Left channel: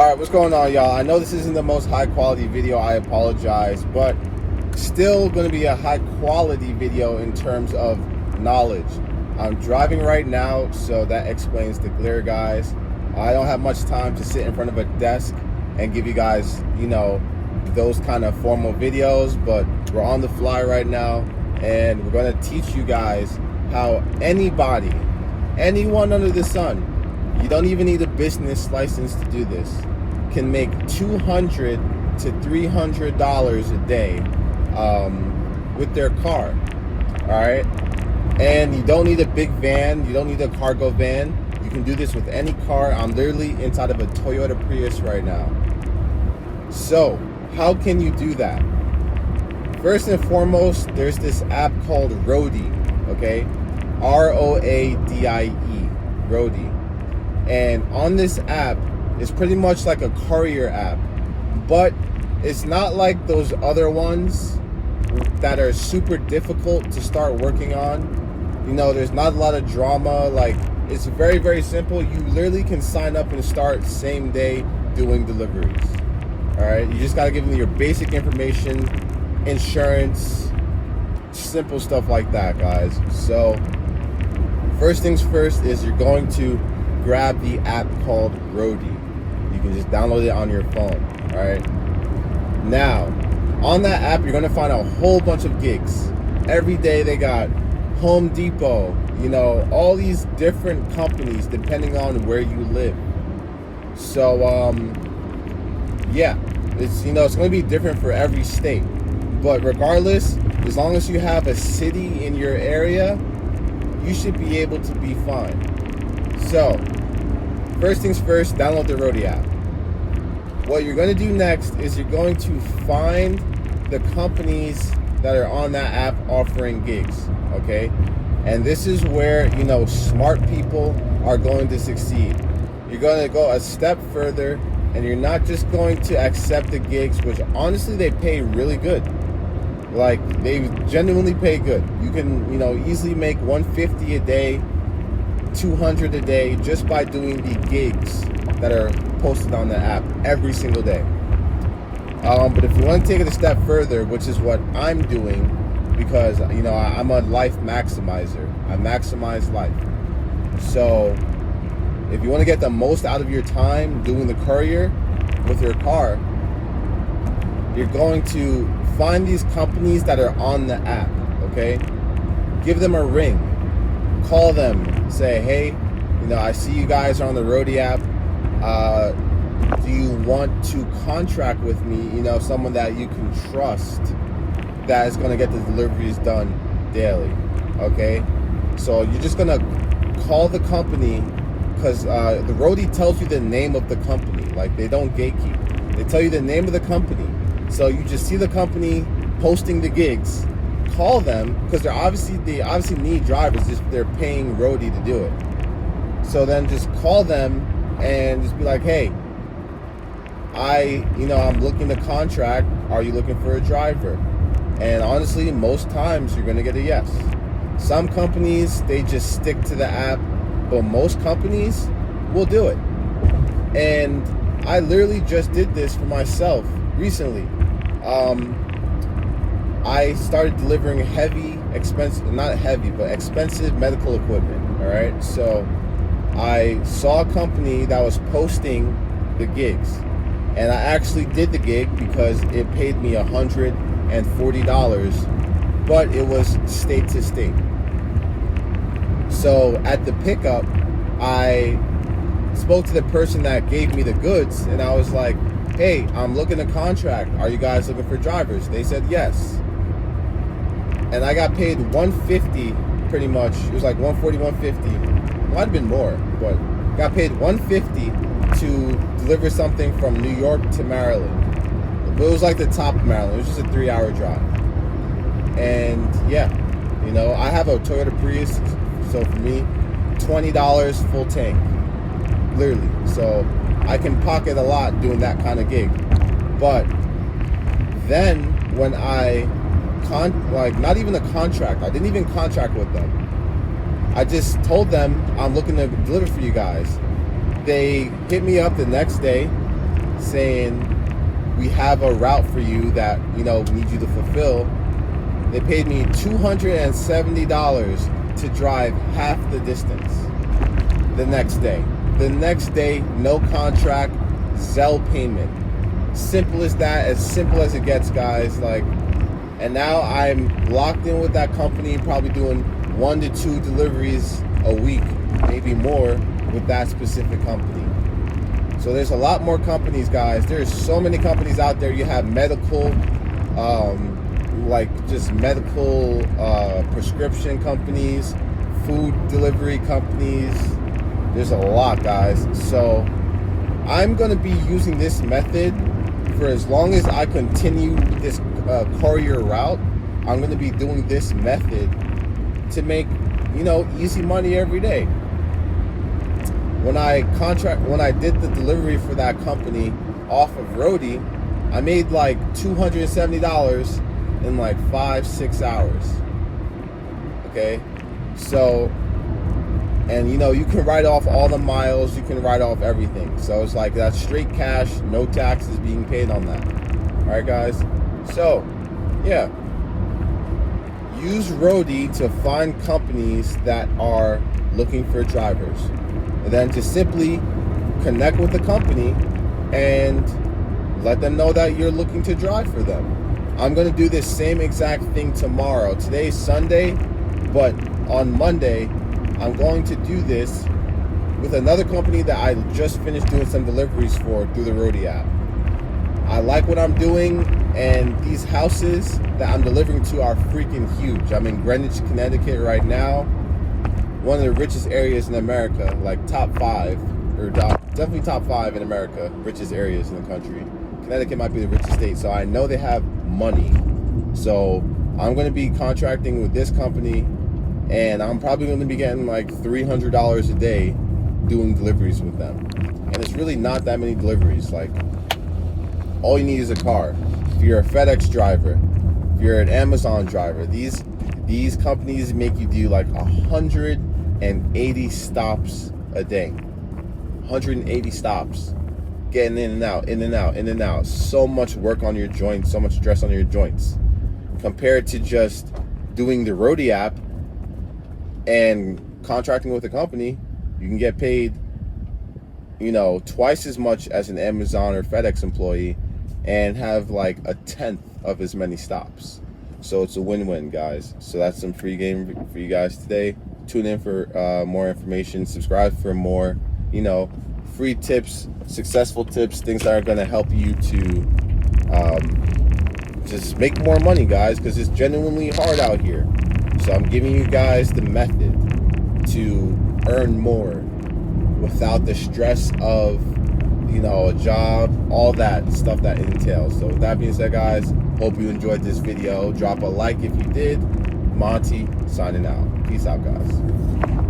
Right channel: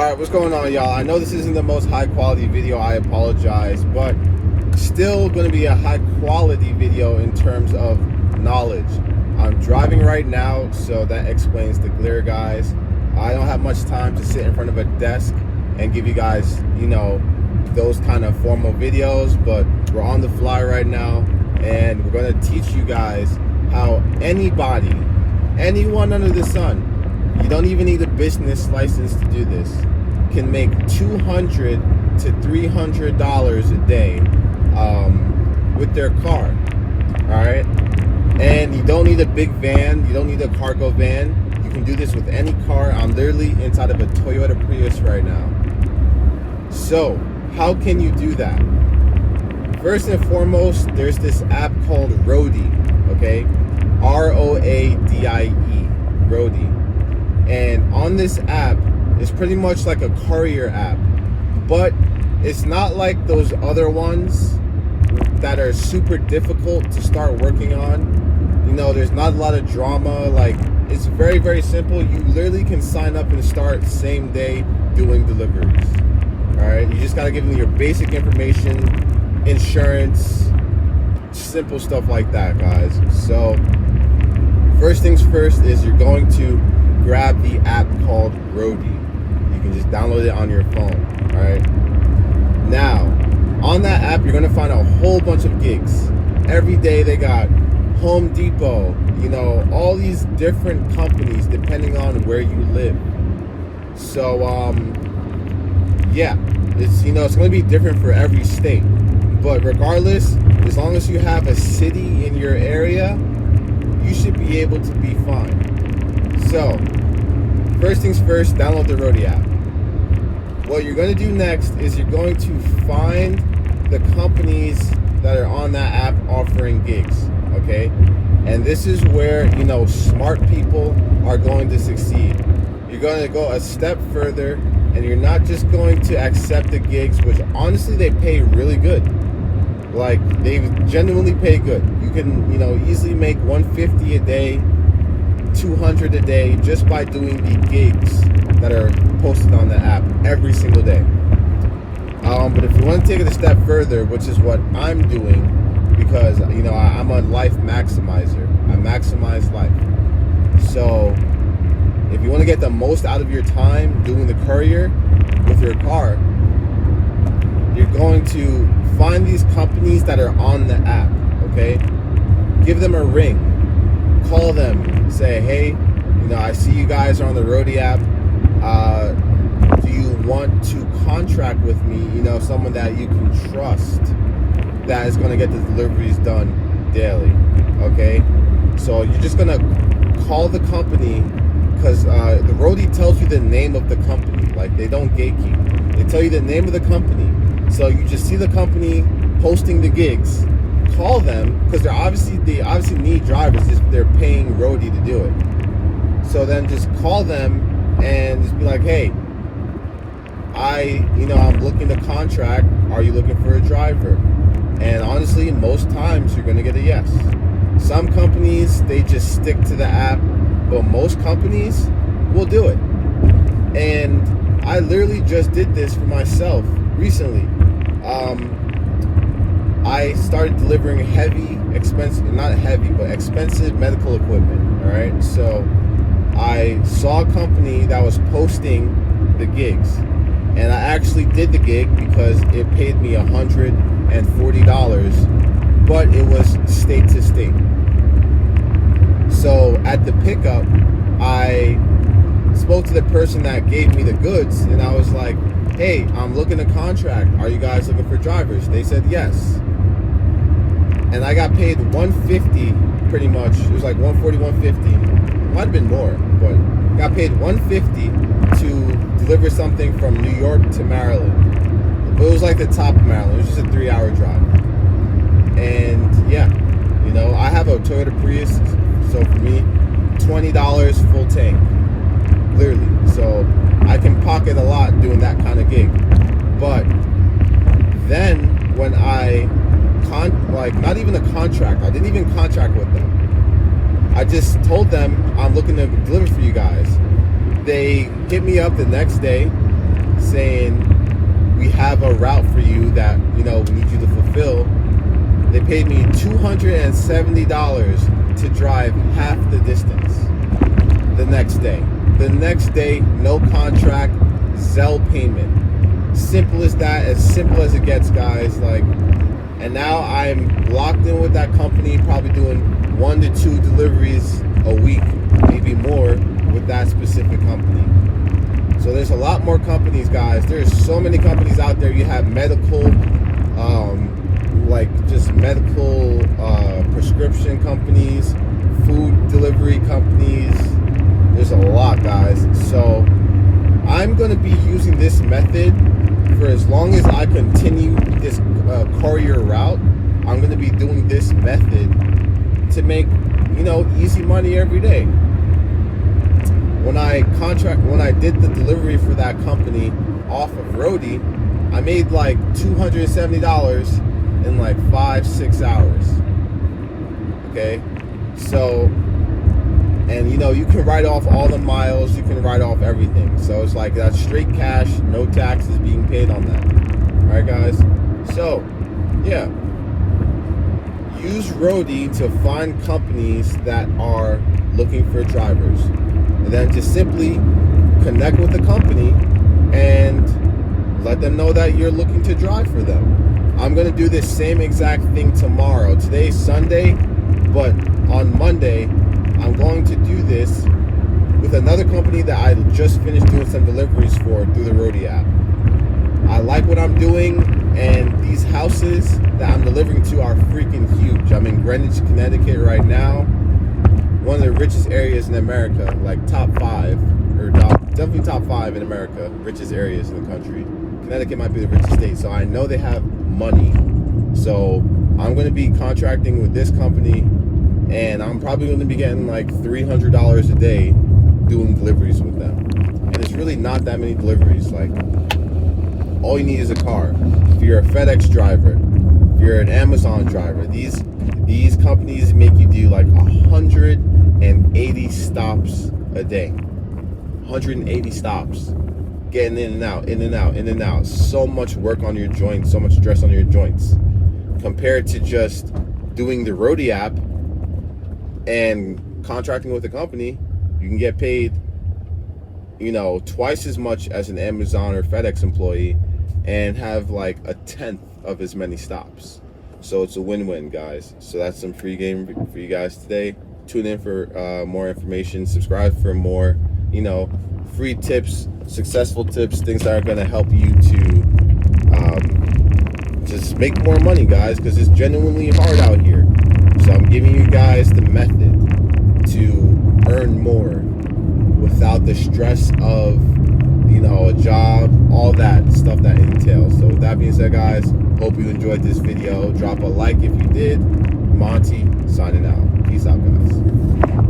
Alright, what's going on, y'all? I know this isn't the most high quality video, I apologize, but still going to be a high quality video in terms of knowledge. I'm driving right now, so that explains the glare, guys. I don't have much time to sit in front of a desk and give you guys, those kind of formal videos, but we're on the fly right now, and we're going to teach you guys how anybody, anyone under the sun, you don't even need a business license to do this, can make $200 to $300 a day with their car. All right, and you don't need a big van, you don't need a cargo van. You can do this with any car. I'm literally inside of a Toyota Prius right now. So how can you do that? First and foremost, there's this app called Roadie. Okay, Roadie, Roadie. And on this app, it's pretty much like a courier app, but it's not like those other ones that are super difficult to start working on. There's not a lot of drama. Like, it's very, very simple. You literally can sign up and start same day doing deliveries. All right, you just gotta give them your basic information, insurance, simple stuff like that, guys. So first things first is you're going to grab the app called Roadie. You can just download it on your phone. All right, now on that app you're going to find a whole bunch of gigs. Every day they got Home Depot, all these different companies depending on where you live. So yeah, it's it's going to be different for every state, but regardless, as long as you have a city in your area, you should be able to be fine. So first things first, download the Roadie app. What you're going to do next is you're going to find the companies that are on that app offering gigs. Okay, and this is where smart people are going to succeed. You're going to go a step further, and you're not just going to accept the gigs, which honestly they pay really good. Like, they genuinely pay good. You can easily make $150 a day, $200 a day just by doing the gigs that are posted on the app every single day. But if you want to take it a step further, which is what I'm doing, because I'm a life maximizer. I maximize life. So if you want to get the most out of your time doing the courier with your car, you're going to find these companies that are on the app. Okay, give them a ring, call them, say, hey, I see you guys are on the Roadie app. Do you want to contract with me? Someone that you can trust that is going to get the deliveries done daily. Okay, so you're just going to call the company, because the Roadie tells you the name of the company. Like, they don't gatekeep. They tell you the name of the company. So you just see the company posting the gigs, call them, because they obviously need drivers if they're paying Roadie to do it. So then just call them and just be like, hey, I'm looking to contract. Are you looking for a driver? And honestly, most times you're gonna get a yes. Some companies, they just stick to the app, but most companies will do it. And I literally just did this for myself recently. I started delivering expensive medical equipment. All right, so I saw a company that was posting the gigs, and I actually did the gig because it paid me $140, but it was state to state. So at the pickup, I spoke to the person that gave me the goods, and I was like, hey, I'm looking to contract. Are you guys looking for drivers? They said yes. And I got paid $150 pretty much. It was like $140, $150. Might have been more, but got paid $150 to deliver something from New York to Maryland. But it was like the top of Maryland. It was just a 3-hour drive. And yeah, I have a Toyota Prius, so for me, $20 full tank, literally. So I can pocket a lot doing that kind of gig. But then when I not even a contract, I didn't even contract with them. I just told them I'm looking to deliver for you guys. They hit me up the next day saying, we have a route for you that, we need you to fulfill. They paid me $270 to drive half the distance the next day. The next day, no contract, Zelle payment. Simple as that, as simple as it gets, guys. And now I'm locked in with that company, probably doing 1 to 2 deliveries a week, maybe more, with that specific company. So there's a lot more companies, guys. There's so many companies out there. You have medical, just medical prescription companies, food delivery companies. There's a lot, guys. So I'm going to be using this method for as long as I continue this courier route. I'm going to be doing this method to make, easy money every day. When I did the delivery for that company off of Roadie, I made like $270 in like 5-6 hours. Okay, so, and you can write off all the miles, you can write off everything. So it's like that's straight cash, no taxes being paid on that. All right, guys. So, yeah, use Roadie to find companies that are looking for drivers. And then just simply connect with the company and let them know that you're looking to drive for them. I'm going to do this same exact thing tomorrow. Today's Sunday, but on Monday, I'm going to do this with another company that I just finished doing some deliveries for through the Roadie app. I like what I'm doing, and these houses that I'm delivering to are freaking huge. I'm in Greenwich, Connecticut right now. One of the richest areas in America, like top 5, or definitely top 5 in America, richest areas in the country. Connecticut might be the richest state, so I know they have money. So I'm going to be contracting with this company, and I'm probably going to be getting like $300 a day doing deliveries with them. And it's really not that many deliveries. Like, all you need is a car. If you're a FedEx driver, if you're an Amazon driver, these companies make you do like 180 stops a day. 180 stops. Getting in and out, in and out, in and out. So much work on your joints, so much stress on your joints. Compared to just doing the Roadie app and contracting with a company, you can get paid, twice as much as an Amazon or FedEx employee and have like a 1/10 of as many stops. So it's a win-win, guys. So that's some free game for you guys today. Tune in for more information. Subscribe for more, free tips, successful tips, things that are going to help you to just make more money, guys, because it's genuinely hard out here. So I'm giving you guys the method to earn more without the stress of, a job, all that stuff that it entails. So with that being said, guys, hope you enjoyed this video. Drop a like if you did. Monty signing out. Peace out, guys.